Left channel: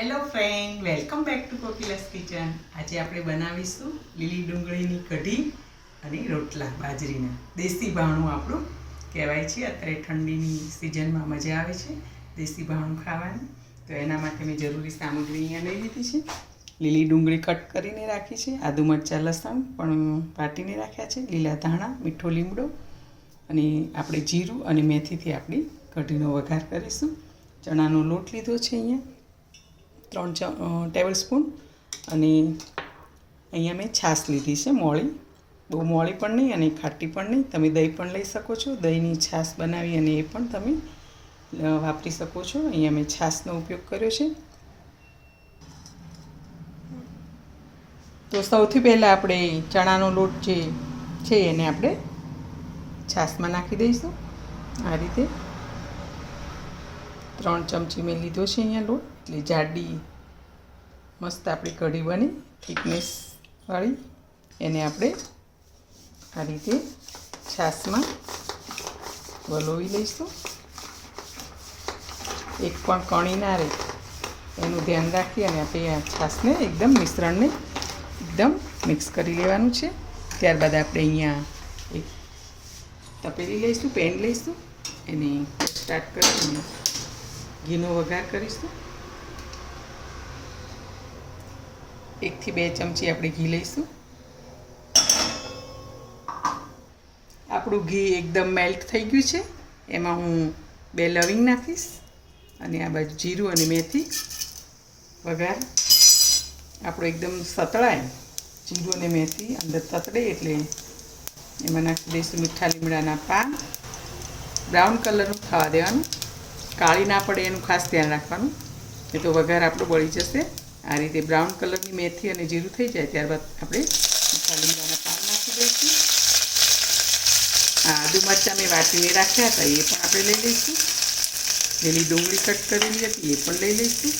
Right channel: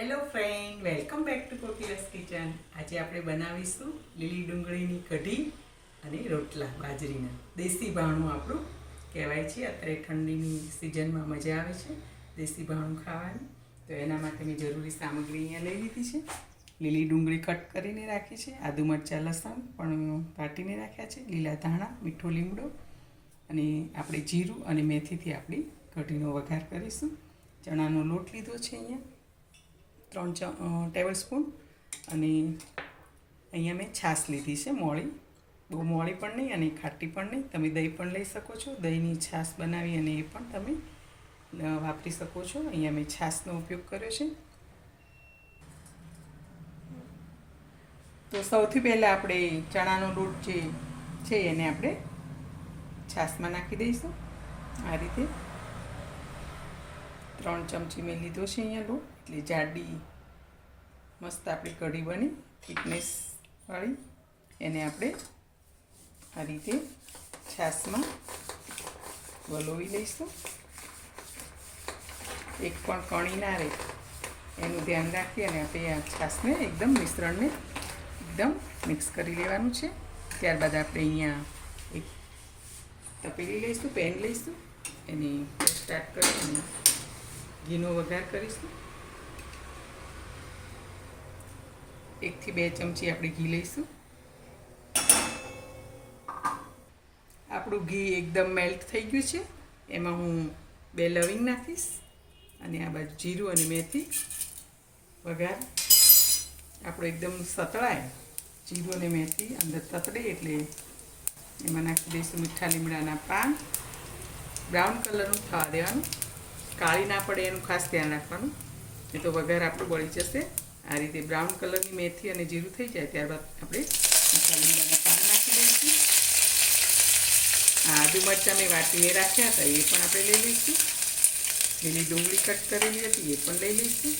Hello friend welcome back to Kokila's kitchen આજે આપણે બનાવીશું લીલી ડુંગળીની કઢી અને રોટલા, બાજરીના. દેશી ભાણું આપણું કહેવાય છે. અત્યારે ઠંડીની સિઝનમાં મજા આવે છે દેશી ભાણું ખાવાની. તો એના માટે મેં જરૂરી સામગ્રી અહીંયા લઈ લીધી છે. લીલી ડુંગળી કટ કરીને રાખી છે. આદુ મરચાં, લસણ પણ વાટીને રાખ્યા છે. લીલા ધાણા, મીઠો લીમડો અને આપણે જીરું અને મેથીથી આપણી કઢીનો વઘાર કરીશું. ચણાનો લોટ લીધો છે અહીંયા. ત્રણ ટેબલ સ્પૂન અને અહીંયા મેં છાશ લીધી છે મોળી. બહુ મોળી પણ નહીં અને ખાટી પણ નહીં. તમે દહીં પણ લઈ શકો છો. દહીંની છાશ બનાવી અને એ પણ તમે વાપરી શકો છો. અહીંયા મેં છાશનો ઉપયોગ કર્યો છે. તો સૌથી પહેલાં આપણે ચણાનો લોટ જે છે એને આપણે છાશમાં નાખી દઈશું. આ રીતે ત્રણ ચમચી મેં લીધો છે અહીંયા લોટ. એટલે જાડી મસ્ત આપણી કઢી બની થિકનેસવાળી એને આપણે આ રીતે છાશમાં વલોવી લઈશું. એક પણ કણી ના રહે. એનું ધ્યાન રાખી અને આપણે આ છાશને એકદમ મિશ્રણને એકદમ મિક્સ કરી લેવાનું છે. ત્યારબાદ આપણે અહીંયા એક તપેલી લઈશું, પેન લઈશું. એને સ્ટાર્ટ કરીને ઘીનો વઘાર કરીશું. એકથી બે ચમચી આપણે ઘી લઈશું. આપણું ઘી એકદમ મેલ્ટ થઈ ગયું છે. એમાં હું બે લવિંગ નાખીશ અને આ બાજુ જીરું અને મેથી વઘાર. આપણું એકદમ સતળાય. જીરું અને મેથી અંદર તતડે એટલે એમાં નાખી દઈશું મીઠા લીમડાના પાન. બ્રાઉન કલરનું થવા દેવાનું. કાળી ના પડે એનું ખાસ ધ્યાન રાખવાનું. એ તો વઘાર આપણો બળી જશે. આ રીતે બ્રાઉન કલરની મેથી અને જીરું થઈ જાય ત્યારબાદ આપણે મીઠા પાન નાખી દઈશું. આ આદુ મરચાં મેં વાટીને રાખ્યા હતા, એ પણ આપણે લઈ લઈશું. લીલી ડુંગળી કટ કરેલી હતી, એ પણ લઈ લઈશું.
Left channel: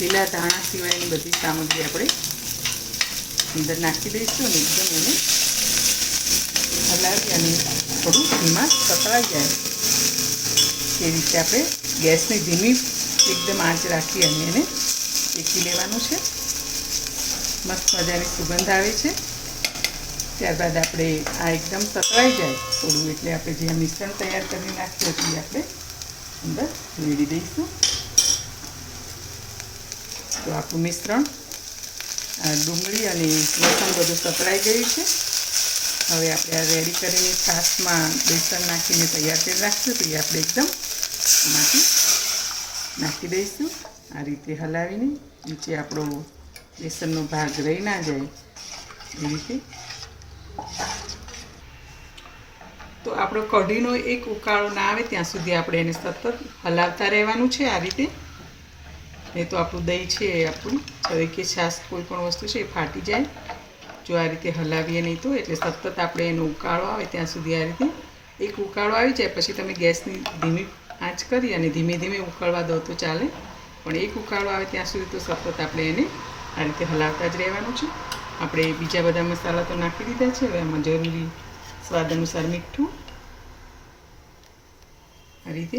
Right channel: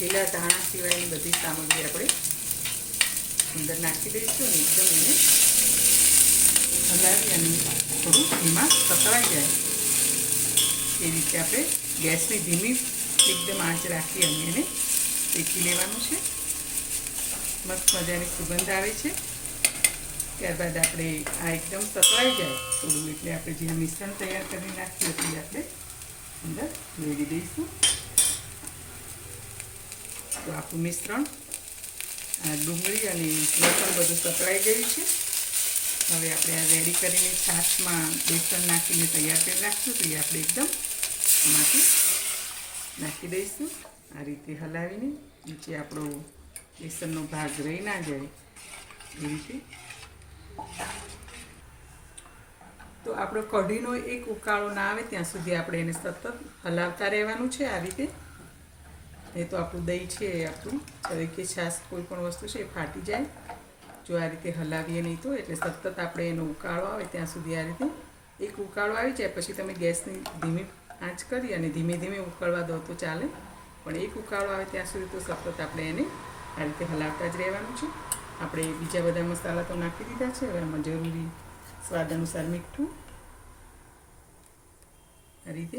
લીલા ધાણા સિવાયની બધી સામગ્રી આપણે અંદર નાખી દઈશું અને એકદમ એને હલાવી અને થોડું ધીમા પકવાઈ જાય. એ રીતે આપણે ગેસની ધીમી એકદમ આંચ રાખી અને એને શેકી લેવાનું છે. મસ્ત મજાની સુગંધ આવે છે. ત્યારબાદ આપણે આ એકદમ સતવાઈ જાય થોડું એટલે આપણે જે મિશ્રણ તૈયાર કરી નાખ્યું હતું આપણે અંદર રેડી દઈશું. તો આપણું મિશ્રણ ડુંગળી અને લસણ બધું સતળાઈ ગયું છે. હવે આપણે આ રેડી કરીને છાશમાં બેસન નાખીને તૈયાર કરી રાખશું તો આપણે એકદમ નાખી નાખી દઈશું. આ રીતે હલાવીને નીચે આપણો બેસનનો ભાગ રહી ના જાય એ રીતે. તો આપણો કઢીનો એક ઉકાળો ના આવે ત્યાં સુધી આપણે એને સતત હલાવતા રહેવાનું છે આ રીતે. નહીં તો આપણું દહીં છે એ આપણું. હવે કે છાશ કોઈ પણ વસ્તુ છે એ ફાટી જાય. જો આ રીતે હલાવીએ નહીં તો એટલે સતત આપણે એનો ઉકાળો આવે ત્યાં સુધી આ રીતે. એક ઉકાળો આવી જાય, પછી તમે ગેસની ધીમી આંચ કરી અને ધીમે ધીમે ઉકળવા દો તો ચાલે. પણ એક ઉકાળો આવે ત્યાં સુધી તો સતત આપણે એને આ રીતે હલાવતા જ રહેવાનું છે. આપણે બીજા બધા મસાલા તો નાખી દીધા છે. હવે એમાં જરૂરી સ્વાદ અનુસાર મીઠું, આ રીતે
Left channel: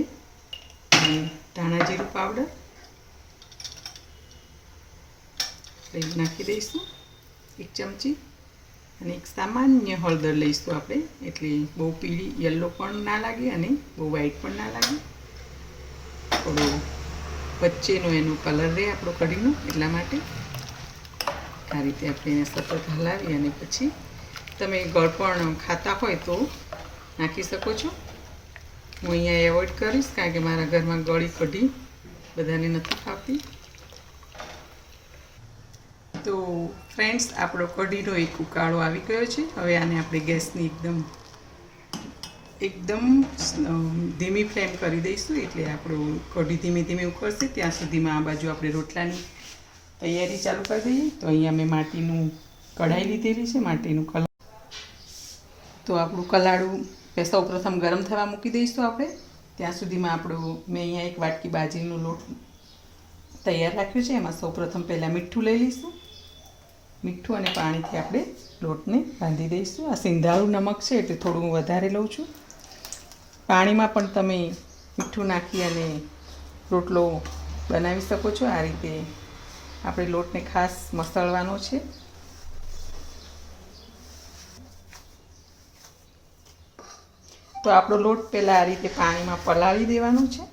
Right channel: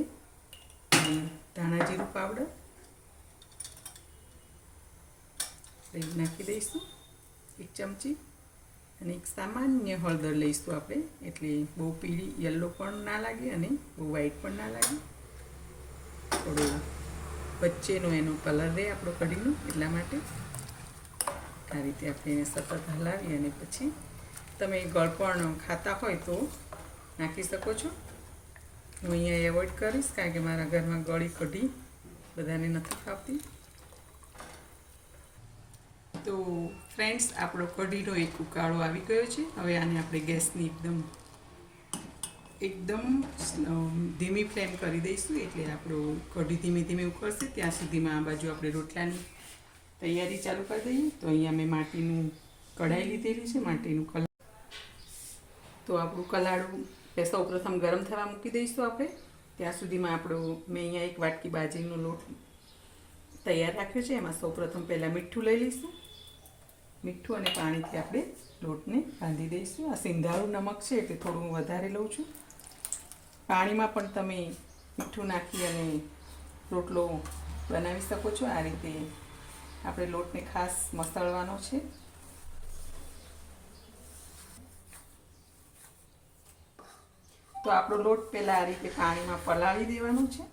ધાણા જીરું પાવડર નાખી દઈશું. એક ચમચી, અને એક સામાન્ય હળદર લઈશું આપણે. એટલે બહુ પીળી યલો પણ ના લાગે અને બહુ વ્હાઈટ પણ ના લાગે. થોડો વચ્ચેનો એનો કલર રહે આપણો કઢીનો, એટલા માટે. આ રીતે આપણે એને સતત હલાવી અને પછી તમે ગળપણ ખાતા હોય તો નાખી શકો છો. હું અહીંયા એવોઇડ કરીશ કારણ કે મારા ઘરમાં ગળી કઢી બધાને નથી ખાવતી તો ફ્રેન્ડ્સ આપણો કઢીનો એક ઉકાળો આવી ગયો છે. હવે આને આપણે ગેસની એકદમ એકદમ ધીમી ફ્લેમ કરી દઈશું એટલે આપણું કઢી ધીમે ધીમે ઉકળશે. ત્યાં સુધીમાં આ બાજુ આપણે રોટલાની તૈયારી ચાલુ કરી દઈએ. તો અહીંયા મેં માટીનું કઢાઈ લીધેલી છે, માટીનું કલા તો આપણું કલાડું સૌ પ્રથમ ગરમ થવા મૂકી દઈશું આપણે. ત્યાં સુધીમાં આપણો, મેં અહીંયા એક વાટકી બાજરીનો લોટ તૈયાર રાખ્યો છે. એમાં સૌપ્રથમ પહેલાં મીઠું લઈ લઈશું. મીઠું અને પાણીથી આપણે લોટને બાંધી દઈશું. આ સિંધાળું નમક છે એટલે થોડું વધારે લઉં છું. પાણીમાં પણ તમે મીઠું નાખી અને રોટલો બનાવી શકો છો. આ રીતે આપણે લોટને ખાસ મસળવાનો છે. તો આપણો લોટ પહેલાં આ રીતે પાણીમાં પલાળી દેવાનો છે.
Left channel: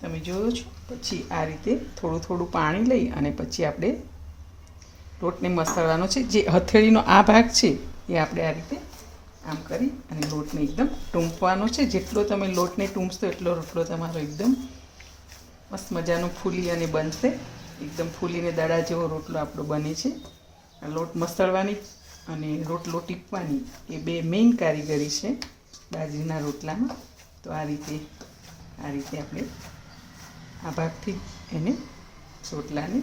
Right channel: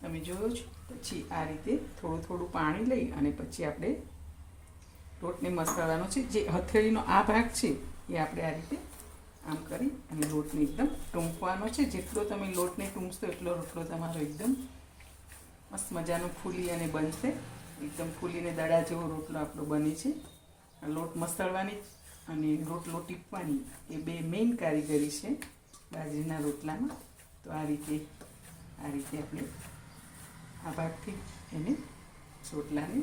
તમે જોયો છો? પછી આ રીતે થોડું થોડું પાણી લઈ અને પછી આપણે લોટને મસળવાનો છે. જે હથેળીનો આ ભાગ છે એ આપણે આ રીતે આમ કરી અને લોટને એકદમ ટૂંપવાનો છે. જેટલો તમે લોટને ટૂંપશો એટલો રોટલો તમારો એકદમ મસ્ત મજાનો ફૂલી અને બનશે. એકદમ ફૂલીને દડા જેવો રોટલો આપણો બને છે. લોટ મસળવાની અને રોટલો ટીપવાની એ બે મેઇન કારીગરી છે બાજરીના રોટલામાં. તો આ રીતે આ રીતે આપણે આ ભાગથી એને રોટલાને,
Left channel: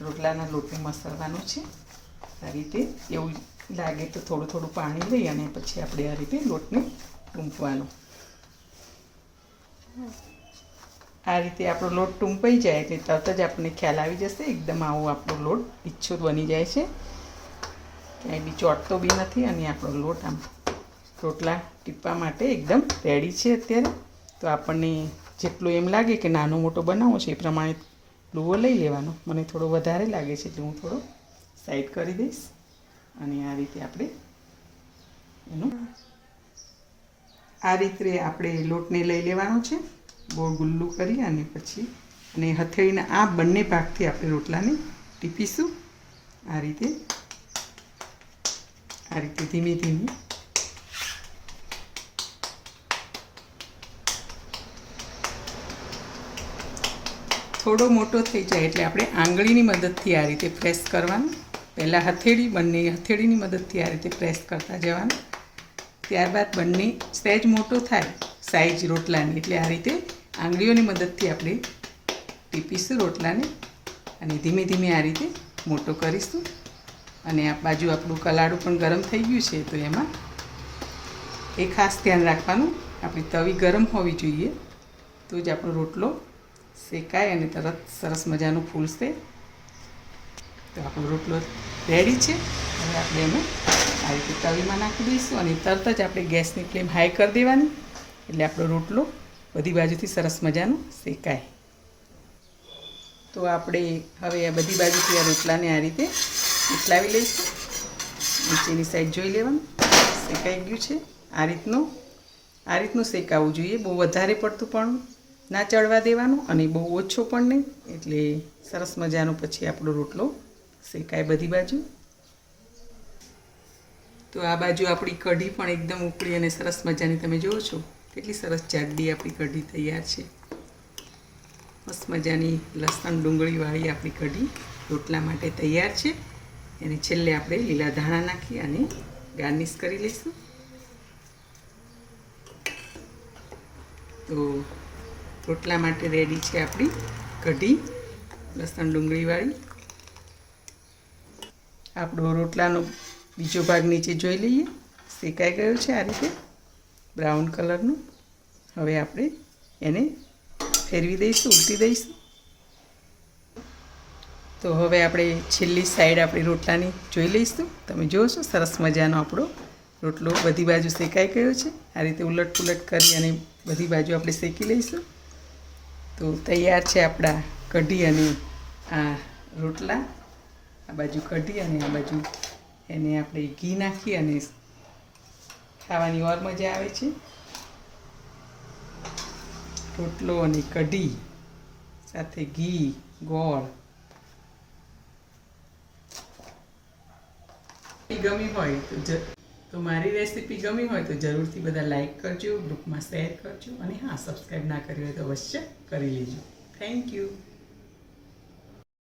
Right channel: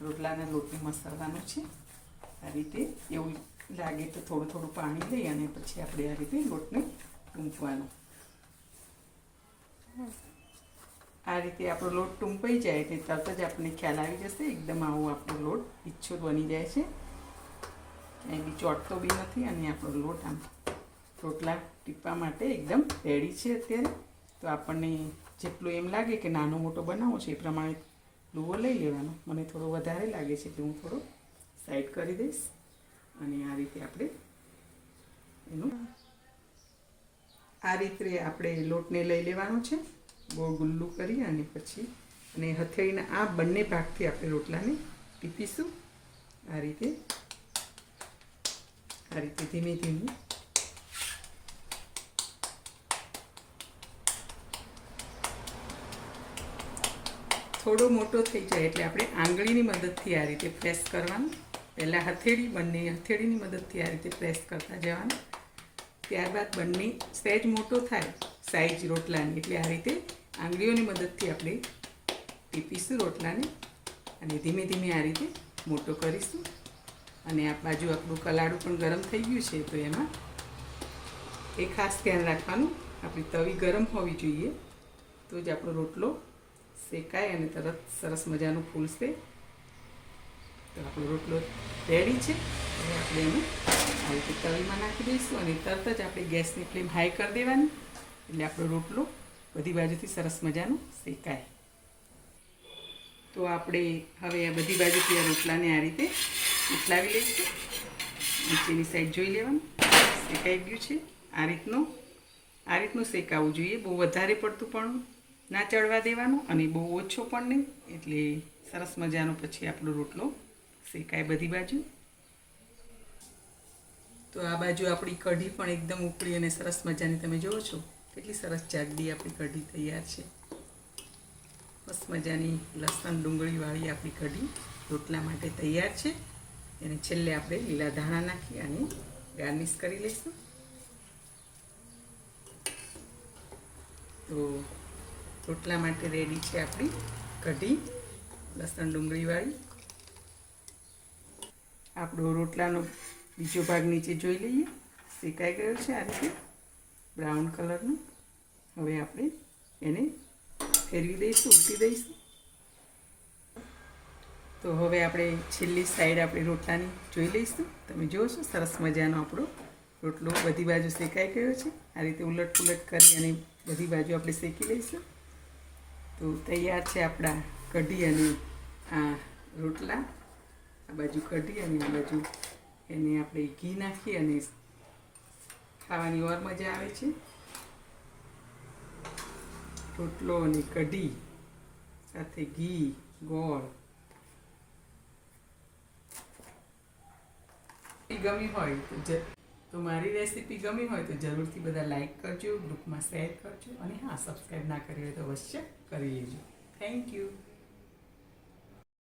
રોટલાના લોટને મસળવાનો છે. આ રીતે એવું લાગે તો થોડું થોડું પાણી લઈ અને પછી આપણે આ રીતે લોટને ટૂંકવાનો. આ રીતે આપણો લોટ ટૂંપાઈ જાય એટલે તરત જ આપણને ખ્યાલ આવી જશે, એકદમ આવો આપણો લોટ ઈચ્છો બની જાય છે. ક્યાંય બી ચોટતો બી નથી અને આપણો લોટ આમ રોટલા ટીપવા માટે એકદમ રેડી છે અત્યારે. તો આપણને જેટલું એમ લાગે કે નાનો મોટો બનાવવો છે એ પ્રમાણે લુવો લઈ લેવાનો. મને થોડો વધારે લાગે છે એટલે હું થોડો સાઈડ કરી દઈશ. અને આ રીતે આપણે એનું આ રીતે આપણે લોટને લઈ લેવાનો છે. ગોળ ગુલ્લું કરી અને પછી અને હથેળીના આ બંને ભાગથી આપણે રોટલાને ટીપીશું. આ રીતે આ રીતે ધીમે ધીમે. થોડો મોટો થઈ જાય એટલે આપણે આંગળીની મદદથી આ રીતે પ્રેસ કરવાનું. પહેલાં હથેળી, બંને હથેળીની મદદથી આ રીતે પ્રેસ કરતા જવાનું. ત્યારબાદ બંને સહેજ મોટો થાય સાઈઝ રોટલાની. એટલે આ રીતે આંગળીઓની મદદથી આપણે ટીપીશું રોટલાને અને ધીમે ધીમે આ રીતે મોટો કરીશું. અને આ બાજુ આપણું કલાડું પણ ગરમ થઈ ગયું છે, તો એમાં એ ખાસ ધ્યાન રાખવાનું, આપણી તવી ગરમ હોવી જોઈએ. તો જ આપણો રોટલો શેકાય અને તરત સરસ મજાનું ફૂલશે. તો આપણો રોટલો રેડી છે. હવે આપણે એને આ રીતે તવીમાં નાખી દઈશું અને તરત જ આપણે ગેસની ફ્લેમ હાઈ કરી દેવાની. એટલે આપણો રોટલો બધી બાજુથી સરસ મજાનો શેકાય. તો આપણે હવે આ બધી બાજુથી આ રોટલાને આ રીતે ઉથલાવી લઈશું. નીચેની સાઈડ જોઈ લેવાનું. શેકાઈ ગયું છે. આ રીતનું આ રીતનું શેકાવવું જોઈએ. બહુ વધારે પડતું પણ ના ચડવા દેવાનું અને બહુ ઓછો પણ નહીં. એટલે સરસ મજાનો પછી આપણો રોટલો શેકાય બધી બાજુ. તો આ બાજુ આપણી કઢી પણ એકદમ ઉકળી અને સરસ મજાની તમે જુઓ છો. કેટલી સરસ જાડી આપણી કઢી તૈયાર છે. મસ્ત મજાની લસણ ડુંગળીવાળી આપણી કઢી રોટલા માટે તૈયાર છે. એને છેલ્લે આપણે લીલા ધાણા નાખી અને ગાર્નિશ કરી લઈશું. તો રોટલા માટે રેડી છે આપણી કઢી, લસણ ડુંગળીવાળી આપણો રોટલાનો બીજો ભાગ નીચે જોઈ લઈએ. શેકાઈ ગયો છે આ રીતે બ્રાઉન કલરનું. હવે આપણે એને ફેરવી દઈશું, ઉલટી દઈશું. તો હવે આપણે છેલ્લી સાઈડ આપણી રોટલાની જોઈ લઈશું. તમે જોશો, સરસ મજાનો આપણો રોટલો બધી બાજુ શેકાઈ ગયો છે. આ રીતે ઉલટ પુલટ કરી અને બધી બાજુ આપણે શેકી લઈશું. તો તૈયાર છે આપણા કઢી અને આ રોટલા. આ બાજુ કઢી અને આ બાજુ એને આપણે ઘી નાખી અને ખાવાની ઓર મજા આવે છે. રોટલો અને કઢી સાથે ઘી, ગોળ. ગમી હોય તો તો મારી રેસીપી ગમી હોય તો જરૂરથી બધા લાઇક કરજો, ગ્રુપમાં શેર કરજો અને હા, સબસ્ક્રાઈબ ના કરી હોય તો અવશ્ય કરી લેજો. Thank you.